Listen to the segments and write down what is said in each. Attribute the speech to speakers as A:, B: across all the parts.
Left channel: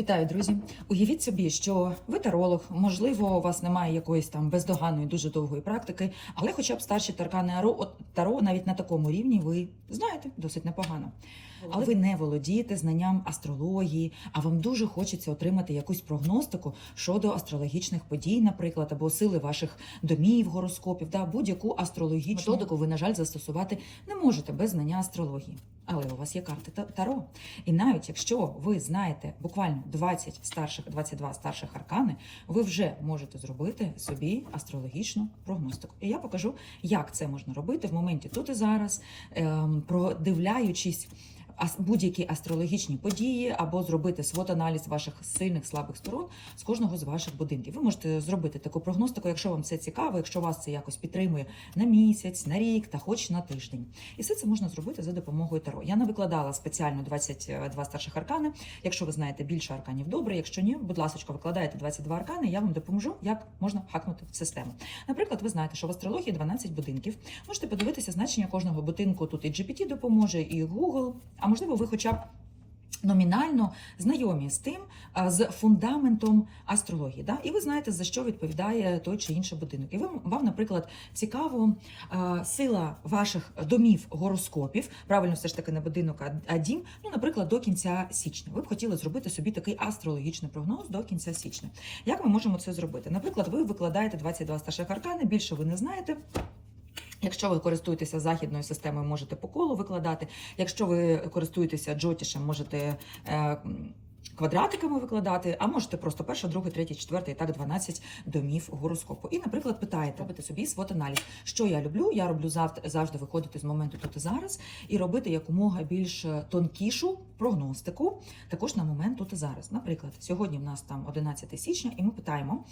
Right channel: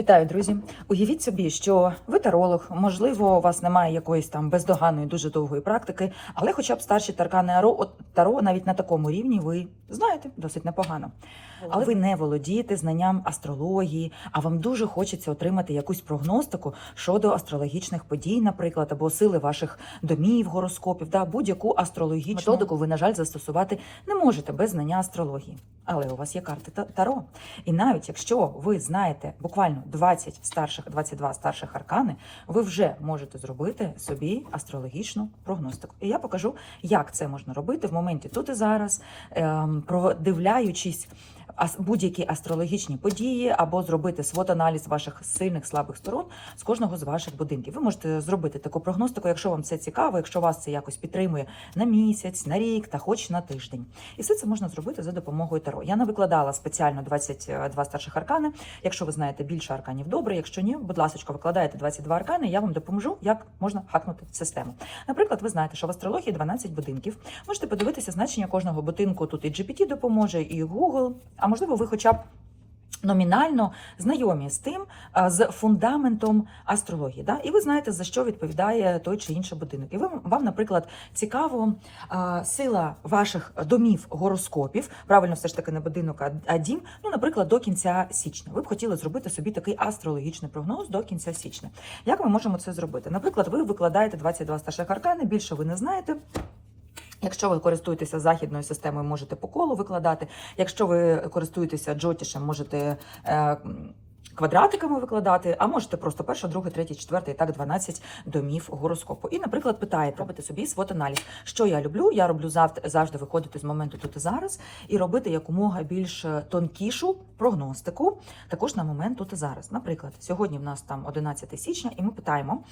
A: Вітаю, друзі! Уявіть собі, що ви таролог, можливо, у вас немає якоїсь там бездоганної, дуже довгої практики, але хоча б старші таркани Аро- таро навіть на такому рівні ви знаєте досить непогано. Але ви не володієте знанням астрології, а вам дуже хочеться отримати якусь прогностику щодо астрологічних подій, наприклад, або сили ваших домів, гороскопів, да, будь-яку астрологічну методику ви, на жаль, застосувати не можете без знання астрології. Але у вас є карти та- Таро. І навіть якщо ви знаєте буквально 20 старших, 22 старших аркани, ви вже можете зробити собі астрологічну прогностику. І я покажу, як це можна робити в моменті тут і зараз, ем, продивляючись будь-які астрологічні події, або зробити свот-аналіз ваших сильних слабих сторон з кожного з ваших будинків. Ви можете зробити таку прогностику, якщо вам це цікаво, якщо вас це якось підтримує на місяць, на рік та хоч на тиждень. І все це можна зробити за допомогою таро. Я не викладала спеціально 22 старших аркани. Якщо ви знаєте більше арканів, добре. Якщо ні, будь ласка, викладаєте 22 аркани. Я вам допоможу, як можна хакнути в систему. Наприклад, ви знаєте, що в астрології 12 будинків. Можете подивитися значення кожного будинку. Тут і GPT допоможе, і Google. Можливо, ви хоча б. Номінально знайомі з тим, з фундаментом астрології, да? і ви знаєте, за що відповідає той чи інший будинок. І вам, наприклад, цікаво сила ваших домів гороскопів, правильно, все ж таки не будинок, а дім, ну, наприклад, до кінця січня. Ви б хотіли зробити собі такий астрологічний прогноз до кінця січня. Як ми можемо це зробити? Наприклад, ви викладаєте 22 старших аркани, більше ви не знаєте. Якщо ви користуєтеся західною системою, можете по колу викладати. Якщо ви користуєтеся джотішем, можете е, квадратиками викладати, а можете просто перше, друге, третє, четверте і так 12 домів гороскопу. І, наприклад, питаєте, робити собі свот-аналіз. Що я люблю? Я роблю завжди, завжди виходити з моменту тут і зараз і робити якомога більш е, тонкішу прогностику, також на момент тут і зараз. Наприклад, сьогодні в нас там 11 січня, і ми питаємо.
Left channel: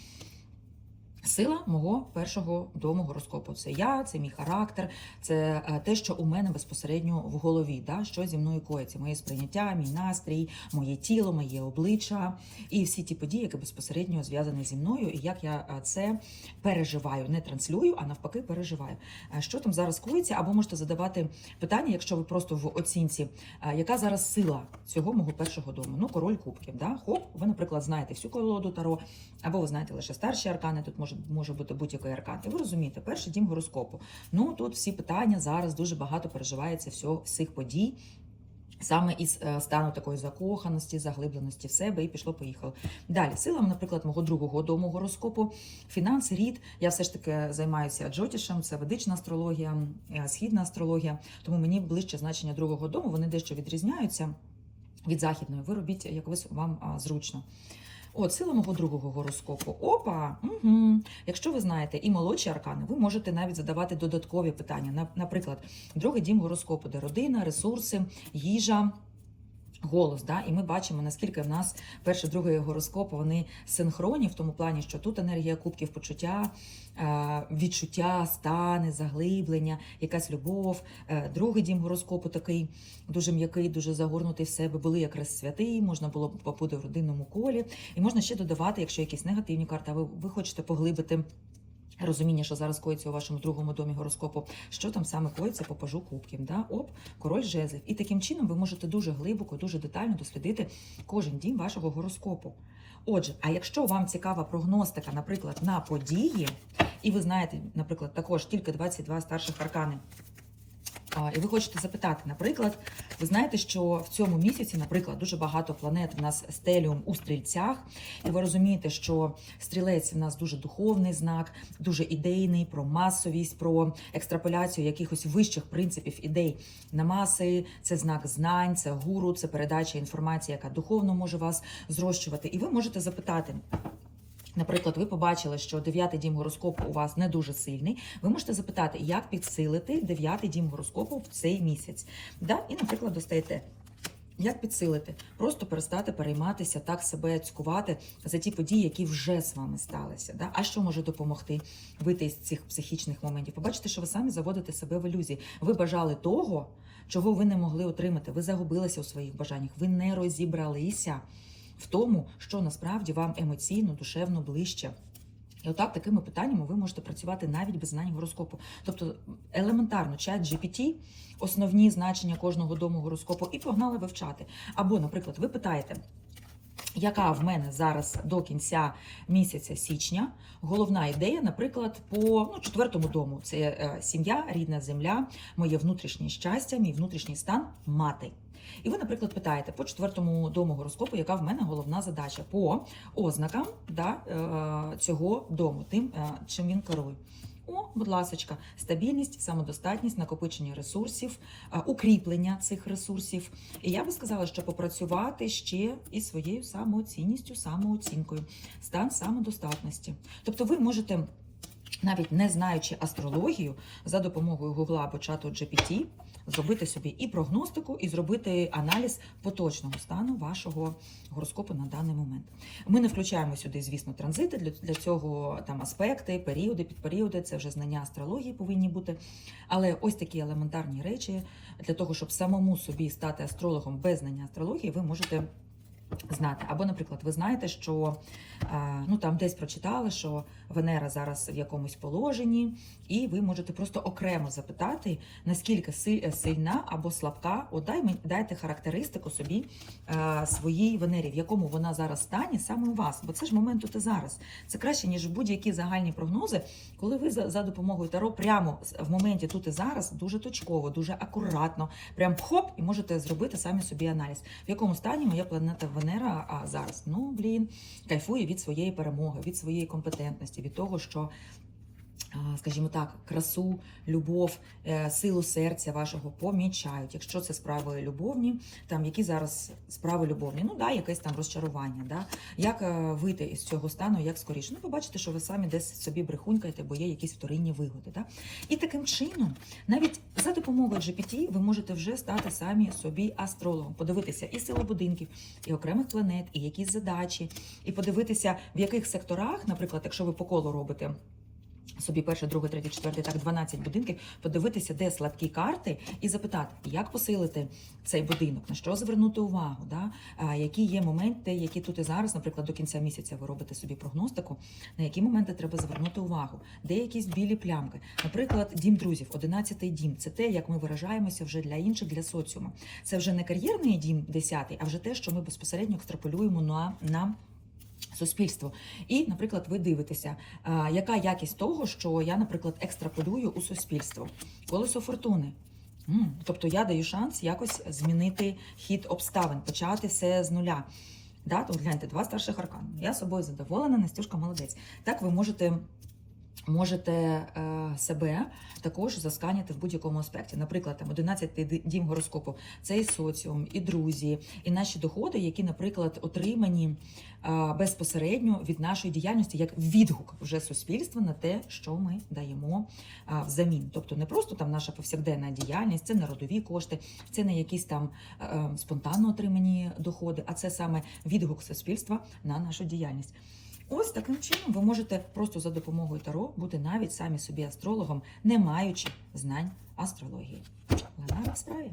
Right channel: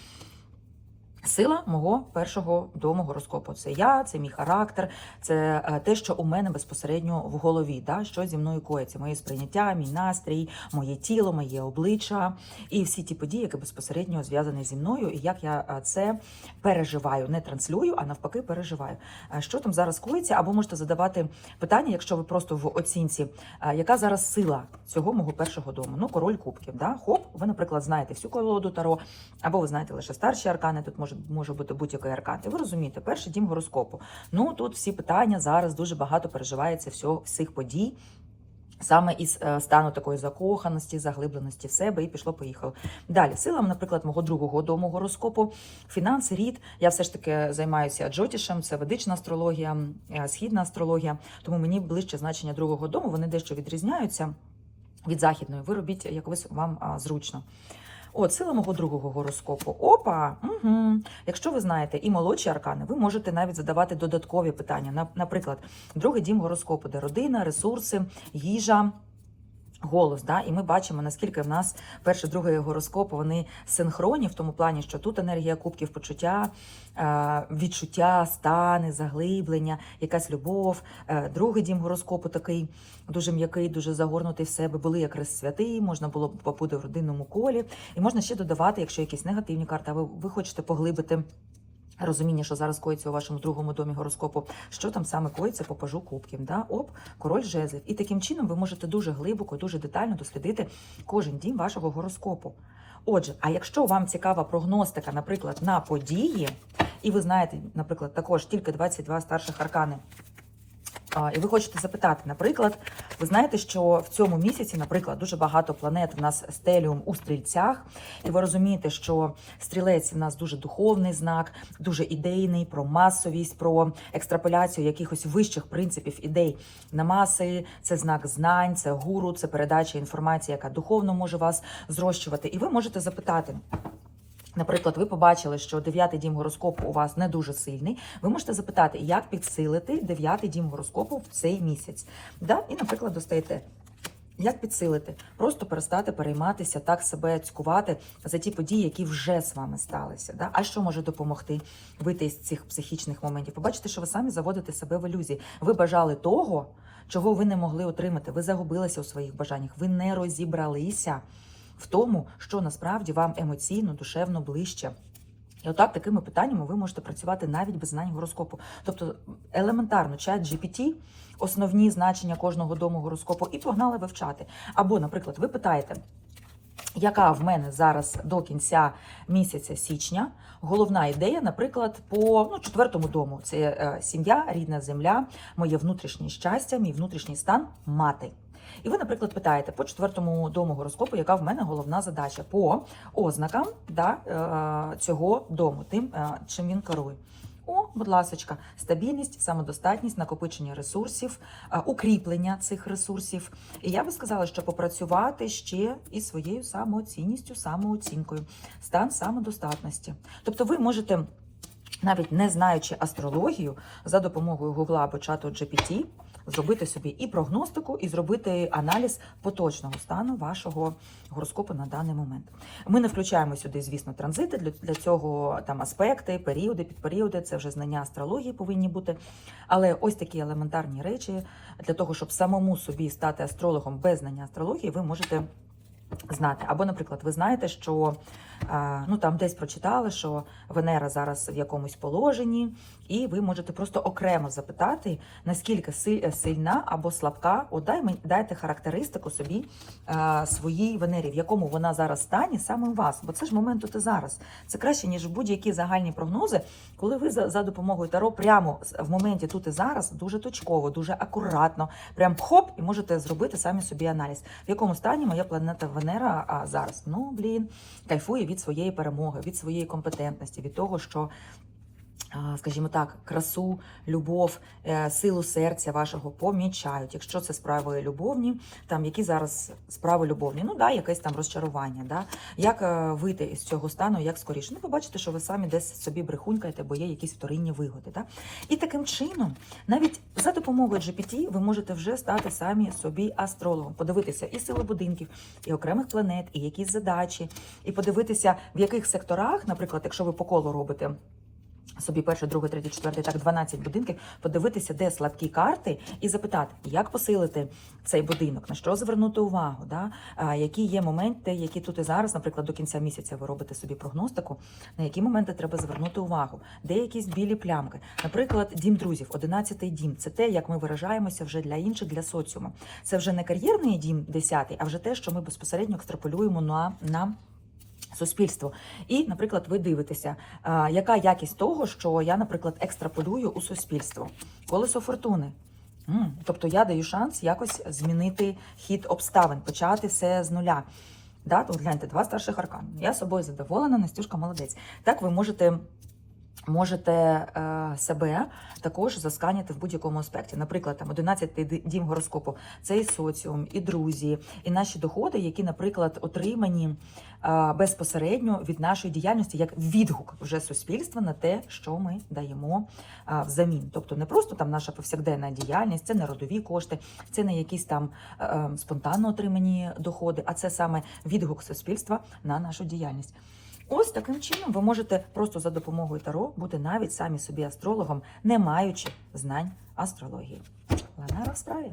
A: Сила мого першого дому гороскопу. Це я, це мій характер, це е, те, що у мене безпосередньо в голові, да, що зі мною коїться, моє сприйняття, мій настрій, моє тіло, моє обличчя і всі ті події, які безпосередньо зв'язані зі мною, і як я е, це переживаю, не транслюю, а навпаки, переживаю. Е, Що там зараз коїться? Або можете задавати питання, якщо ви просто в оцінці, яка зараз сила цього мого першого дому? Ну, король кубків. Да? Хоп, ви, наприклад, знаєте всю колоду Таро, або ви знаєте лише старші аркани, тут може, може бути будь-який аркан. Ви розумієте, перший дім гороскопу. Ну тут всі питання зараз дуже багато переживається всього, всіх подій. Саме із е, стану такої закоханості, заглибленості в себе і пішло, поїхало. Далі силам, наприклад, мого другого дому гороскопу, фінанси, рід. Я все ж таки займаюся джотішем, це ведична астрологія, е, східна астрологія. Тому мені ближче значення другого дому. Вони дещо відрізняються від західної. Ви робіть якось вам зручно. От, сила мого другого гороскопу. Опа! Угу. Якщо ви знаєте і молодші аркани, ви можете навіть задавати додаткові питання. На- Наприклад, другий дім гороскопу, де родина, ресурси, їжа. Голос, да, і ми бачимо, наскільки в нас перший, другий гороскоп вони синхронні в тому плані, що тут енергія кубків, почуття, е, відчуття, стани, заглиблення, якась любов. Е, Другий дім гороскопу такий дуже м'який, дуже загорнутий в себе. Були якраз святий, можна було побути в родинному колі, і можна ще додавати, якщо якісь негативні карти, ви, ви хочете поглибити. Розуміння, що зараз коїться у вашому другому домі гороскопу, що там саме коїться по пажу кубків. Да? Оп, король жезлів. І таким чином ви можете дуже глибоко, дуже детально дослідити кожен дім вашого гороскопу. Отже, а якщо вам цікава прогностика, наприклад, на події, і ви знаєте, наприклад, також тільки 22 старших аркани. І ви хочете запитати, наприклад, ви знаєте, що в цьому місяці, наприклад, дуже багато планет в нас стеліум у стрільцях, і ви розумієте, що стрілець в нас дуже духовний знак, дуже ідейний, про масовість, про екстраполяцію якихось вищих принципів ідей на маси. Це знак знань, це гуру, це передача інформації, яка духовно може вас зрощувати. І ви можете запитати. Наприклад, ви побачили, що дев'ятий дім гороскопу у вас не дуже сильний. Ви можете запитати, як підсилити дев'ятий дім гороскопу в цей місяць. Да? І, наприклад, достаєте. Як підсилити? Просто перестати перейматися, так себе цькувати за ті події, які вже з вами сталися. Да? А що може допомогти вийти з цих психічних моментів? Побачите, що ви самі заводите себе в ілюзії. Ви бажали того, чого ви не могли отримати. Ви загубилися у своїх бажаннях, ви не розібралися в тому, що насправді вам емоційно, душевно ближче. І отак такими питаннями ви можете працювати навіть без знань гороскопу. Тобто елементарно чат GPT, основні значення кожного дому гороскопу, і погнали вивчати. Або, наприклад, ви питаєте, яка в мене зараз до кінця місяця січня. Головна ідея, наприклад, по ну, четвертому дому це е, сім'я, рідна земля, моє внутрішнє щастя, мій внутрішній стан мати. І ви, наприклад, питаєте по четвертому дому гороскопу, яка в мене головна задача по ознакам да, е, цього дому, тим, е, чим він керує. О, будь ласочка, стабільність, самодостатність, накопичення ресурсів, е, укріплення цих ресурсів. І я би сказала, що попрацювати ще із своєю самооцінністю, самооцінкою, стан самодостатності. Тобто, ви можете, навіть не знаючи астрологію, за допомогою Гугла або чату GPT, зробити собі і прогностику, і зробити аналіз поточного стану вашого гороскопу на даний момент. Ми не включаємо сюди, звісно, транзити. Для, для цього там аспекти, періоди, підперіоди, це вже знання астрології повинні бути. Але ось такі елементарні речі для того, щоб самому собі стати астрологом без знання астрології, ви можете. Знати, або, наприклад, ви знаєте, що е, ну там десь прочитали, що Венера зараз в якомусь положенні, і ви можете просто окремо запитати, наскільки сильна або слабка, от дай мені дайте характеристику собі е, своїй Венері, в якому вона зараз стані саме у вас. Бо це ж момент тут і зараз. Це краще, ніж будь-які загальні прогнози, коли ви за, допомогою Таро прямо в моменті тут і зараз дуже точково, дуже акуратно, прям хоп, і можете зробити самі собі аналіз, в якому стані моя планета Венера а зараз. Ну блін, кайфує від своєї перемоги, від своєї компетентності, від того, що. Скажімо так, красу, любов, е, силу серця вашого помічають. Якщо це справи любовні, там які зараз справи любовні, ну да, якесь там розчарування. Да? Як е, вийти із цього стану, як скоріше? Ну, побачите, що ви самі десь собі брехунькаєте, бо є якісь вторинні вигоди. Да? І таким чином, навіть за допомогою GPT, ви можете вже стати самі собі астрологом, подивитися і сили будинків, і окремих планет, і якісь задачі, і подивитися, в яких секторах, наприклад, якщо ви по колу робите. Собі перший, другий, третій, четвертий, так 12 будинків, подивитися, де слабкі карти, і запитати, як посилити цей будинок, на що звернути увагу, да? а, які є моменти, які тут і зараз, наприклад, до кінця місяця ви робите собі прогностику, на які моменти треба звернути увагу, де якісь білі плямки. Наприклад, дім друзів, 11-й дім це те, як ми виражаємося вже для інших, для соціуму. Це вже не кар'єрний дім 10-й, а вже те, що ми безпосередньо екстраполюємо на, на суспільство. І, наприклад, ви дивитеся, яка якість того, що я, наприклад, екстраполюю у суспільство. Колесо фортуни. Тобто я даю шанс якось змінити хід обставин, почати все з нуля. Да? Тут гляньте, два старших аркани. Я собою задоволена, Настюшка молодець. Так ви можете. Можете е, себе також засканяти в будь-якому аспекті. Наприклад, там 11-й дім гороскопу це і соціум, і друзі, і наші доходи, які, наприклад, отримані е, безпосередньо від нашої діяльності як відгук вже суспільства на те, що ми даємо е, взамін. Тобто не просто там наша повсякденна діяльність, це не родові кошти, це не якісь там спонтанно отримані доходи, а це саме відгук суспільства на нашу діяльність. Ось таким чином ви можете просто за допомогою Таро бути навіть самі собі астрологом, не маючи знань астрології. Вона на справі.